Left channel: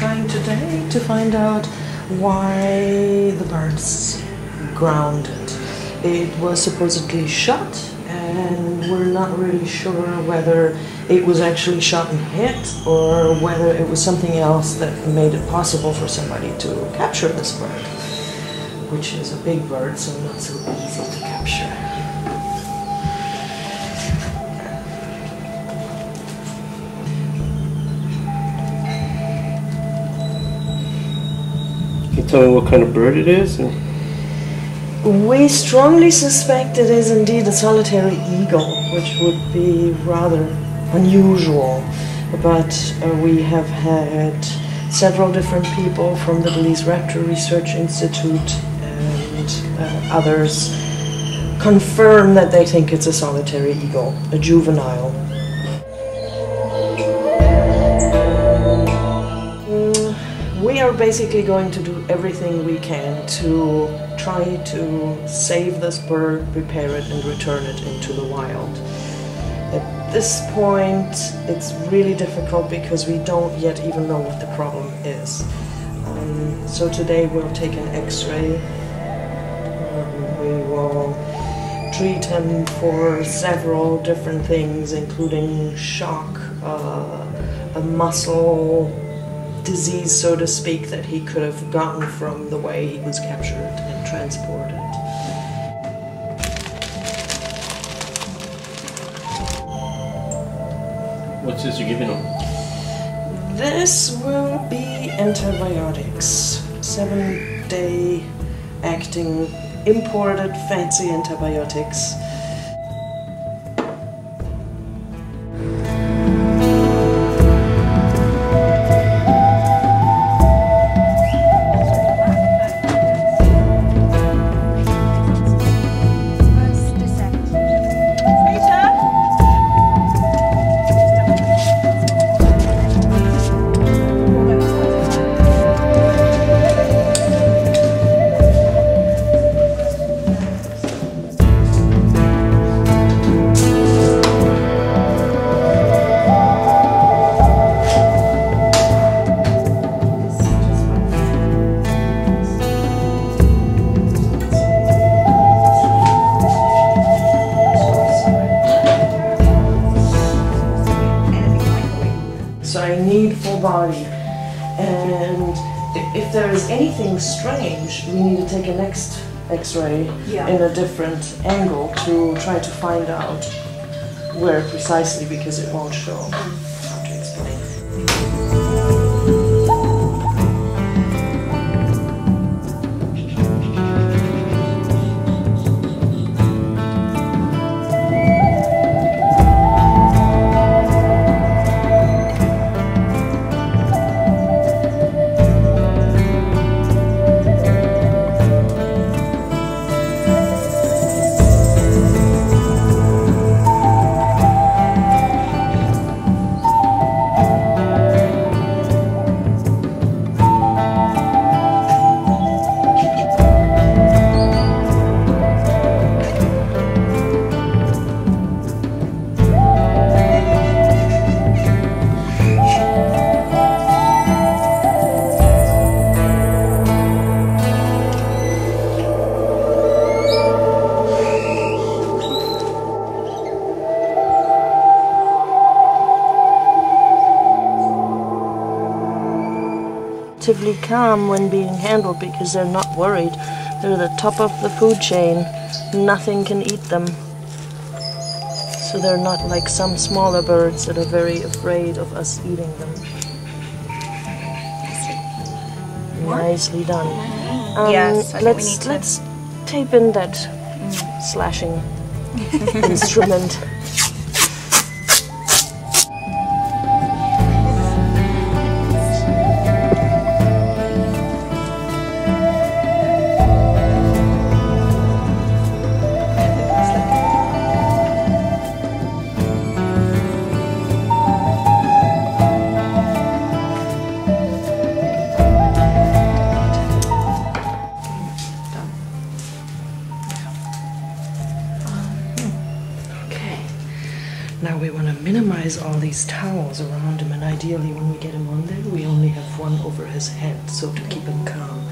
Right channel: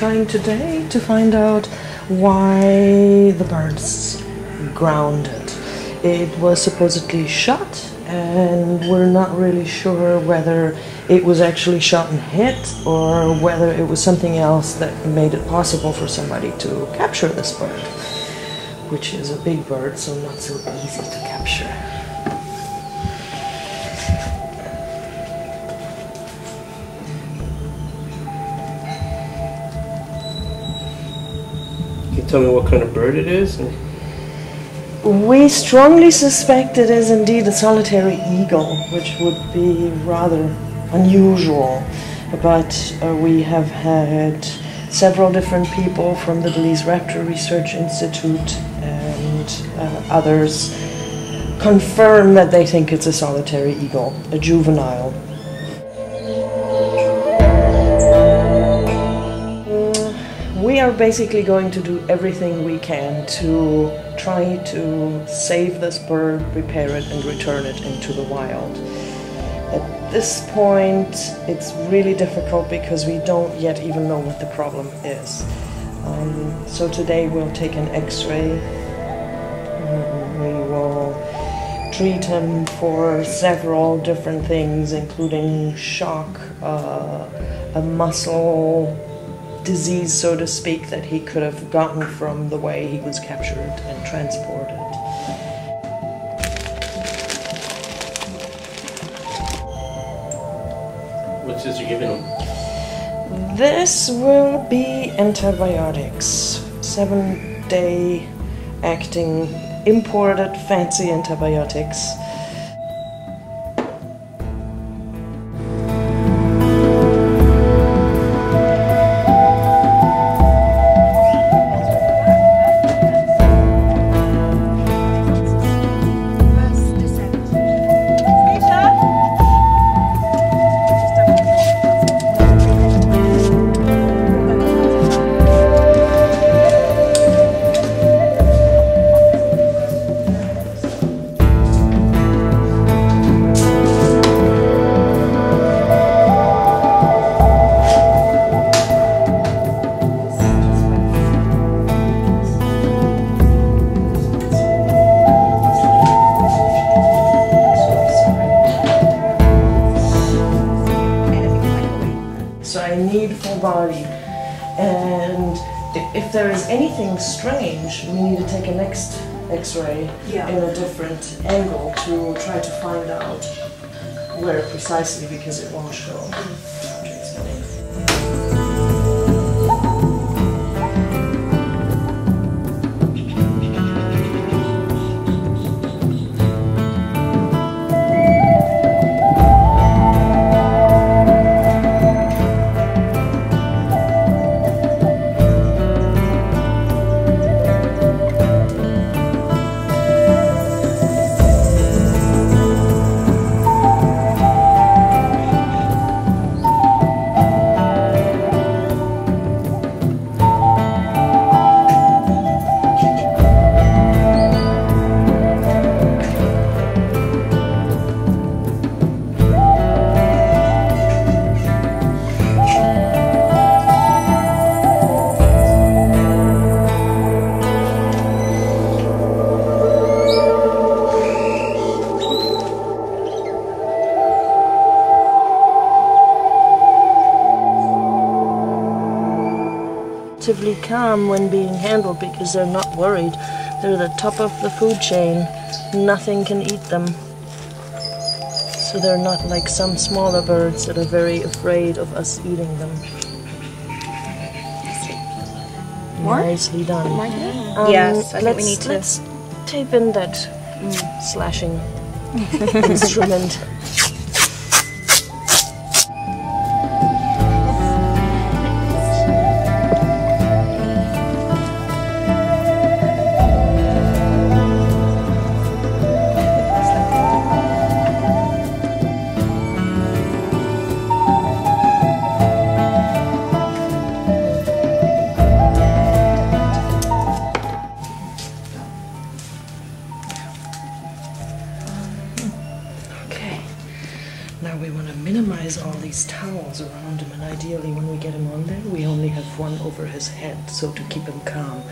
trying today to find out why the bird's grounded. It was supposedly shot, and we're not really sure whether it was actually shot and hit or whether it was something else that made it possible for somebody to capture this bird, which is a big bird, so not so easy to capture. Can you tell me what kind of bird it is? We strongly suspect it is indeed a solitary eagle, which would be rather unusual. But we have had several different people from the Belize Raptor Research Institute and others confirm that they think it's a solitary eagle, a juvenile. We are basically going to do everything we can to try to save this bird, prepare it, and return it into the wild. At this point, it's really difficult because we don't yet even know what the problem is. So today we'll take an X-ray. We will treat him for several different things, including shock, a muscle disease, so to speak, that he could have gotten from the way he was captured and transported. What's this you're giving him? This will be antibiotics. 7-day acting, imported fancy antibiotics. So I need full body, and if there is anything strange, we need to take a next X-ray in a different angle to try to find out where precisely, because it won't show. How to explain. Relatively calm when being handled because they're not worried. They're the top of the food chain. Nothing can eat them. So they're not like some smaller birds that are very afraid of us eating them. Nicely done. Yes, I think we need to. Let's tape in that slashing instrument. Now we want to minimize all these towels around him, and ideally when we get him on there, we only have one over his head, so to keep him calm.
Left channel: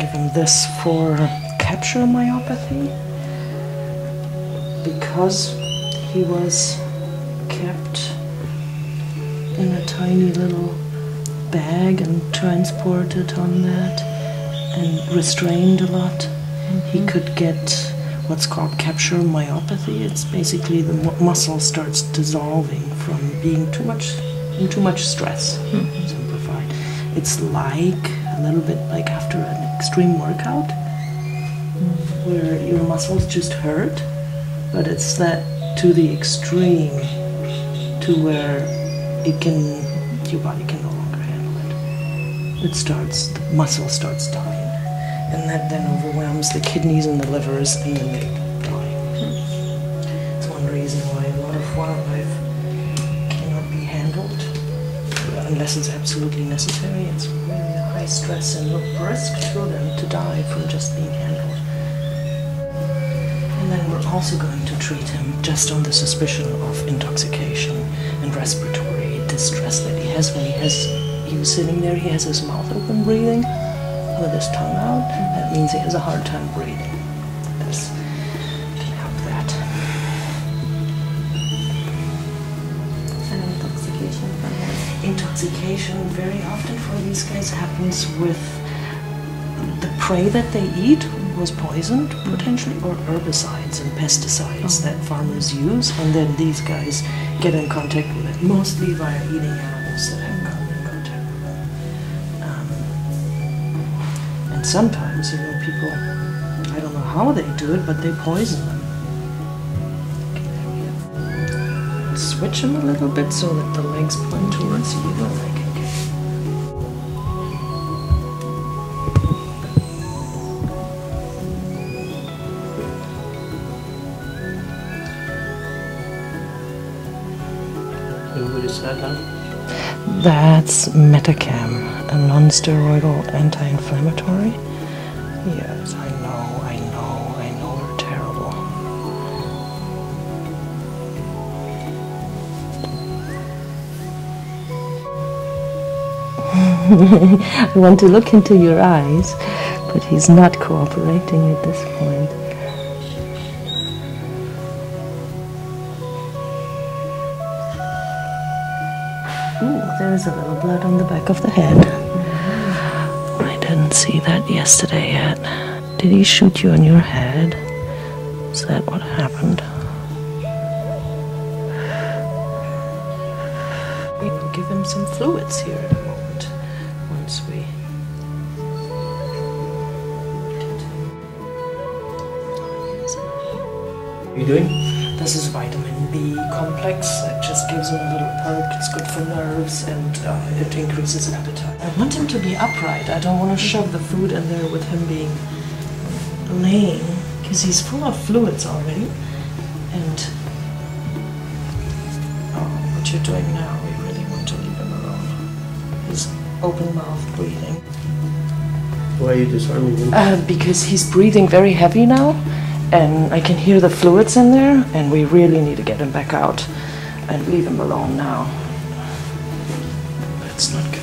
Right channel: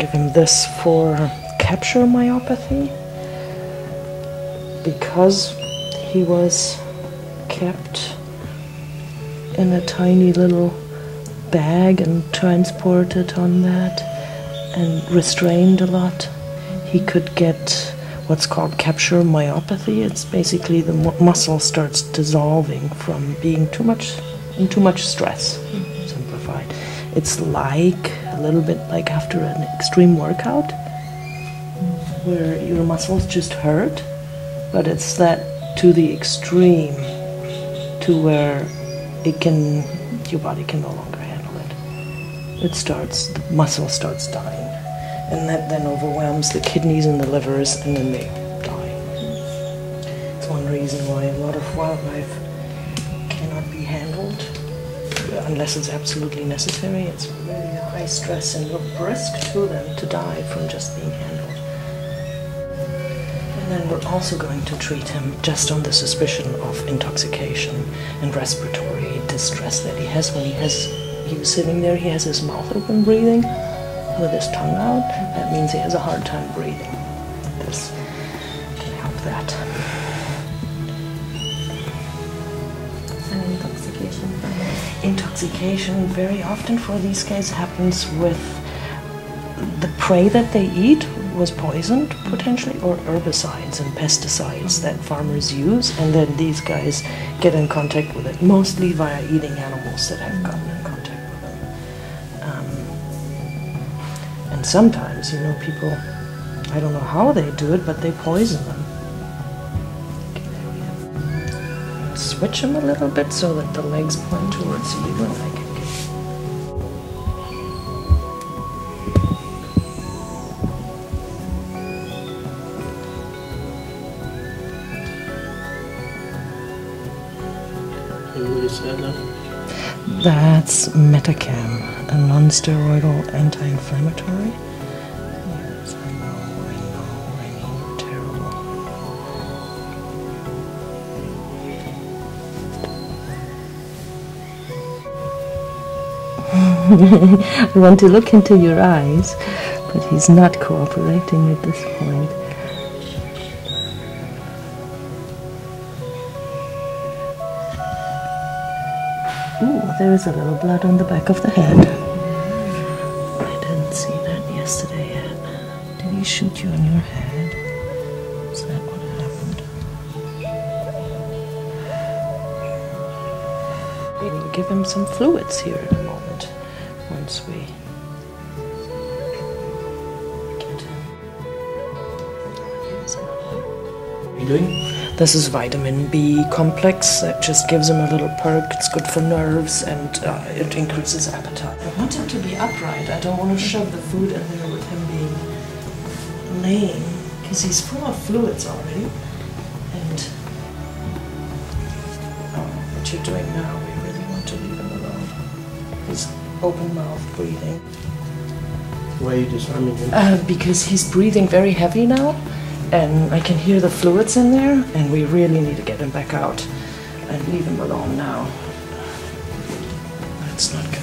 Give him this for capture myopathy, because he was kept in a tiny little bag and transported on that and restrained a lot. He could get what's called capture myopathy. It's basically the muscle starts dissolving from being too much stress. Simplified. It's like a little bit like after an extreme workout where your muscles just hurt, but it's that to the extreme to where your body can no longer handle it. The muscle starts dying, and that then overwhelms the kidneys and the livers, and then they die. It's one reason why a lot of wildlife cannot be handled unless it's absolutely necessary. It's really a high stress and risk to them to die from just being handled. And then we're also going to treat him just on the suspicion of intoxication and respiratory distress that he has. When he was sitting there, he has his mouth open breathing with his tongue out. That means he has a hard time breathing. This can help that. And intoxication from what? Intoxication very often for these guys happens with the prey that they eat was poisoned potentially, or herbicides and pesticides that farmers use, and then these guys get in contact with it, mostly via eating animals that have gotten in contact with them. And sometimes, people, I don't know how they do it, but they poison them. Switch them a little bit so that the legs point towards you, and I can kick. What is that now? That's Metacam, a non-steroidal anti-inflammatory. Yes, I know, they're terrible. I want to look into your eyes, but he's not cooperating at this point. Ooh, there's a little blood on the back of the head. I didn't see that yesterday yet. Did he shoot you on your head? Is that what happened? We'll give him some fluids here in a moment, once we get him. What are you doing? This is vitamin B complex that just gives him a little perk. It's good for nerves, and it increases appetite. I want him to be upright. I don't want to shove the food in there with him being laying, because he's full of fluids already. And what you're doing now, we really want to leave him alone. His open mouth breathing. Why are you disarming him? Because he's breathing very heavy now, and I can hear the fluids in there, and we really need to get him back out and leave him alone now. That's not good.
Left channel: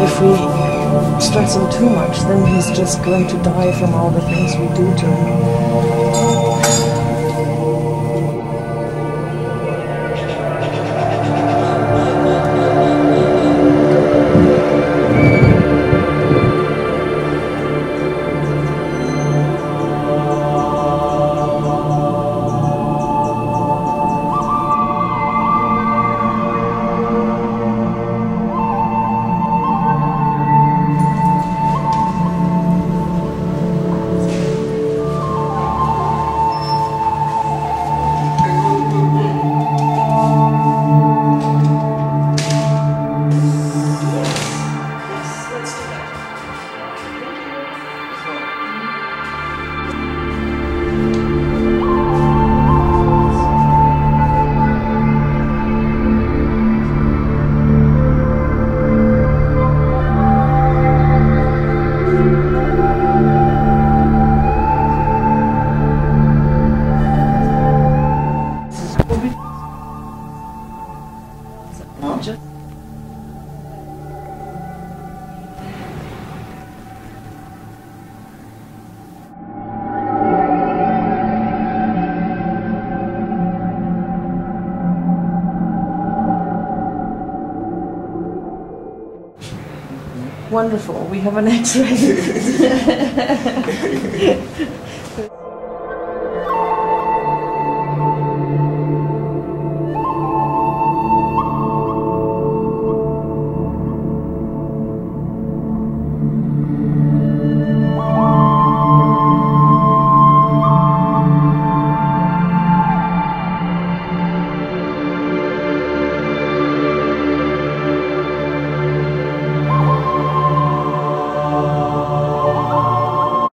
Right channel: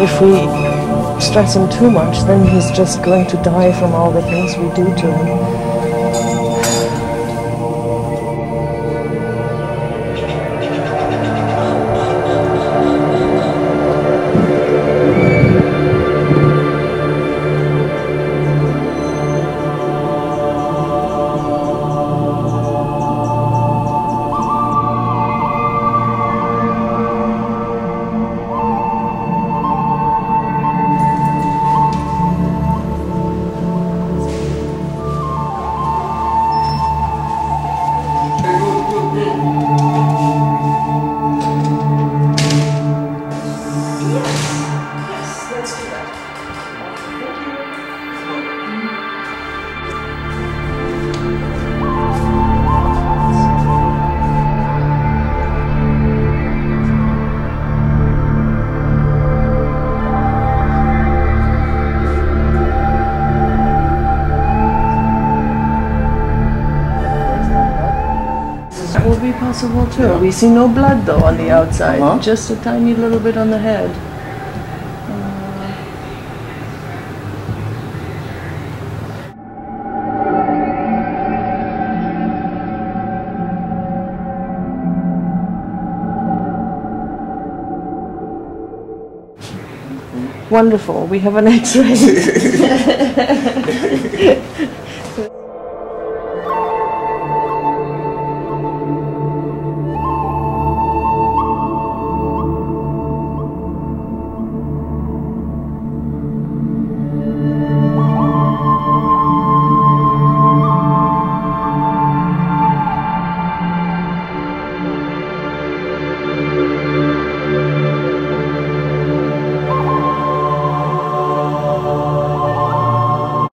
If we stress him too much, then he's just going to die from all the things we do to him. That would be possible too. Yeah. We see no blood though on the outside, Uh-huh. just a tiny little bit on the head. Wonderful, we have an X-ray.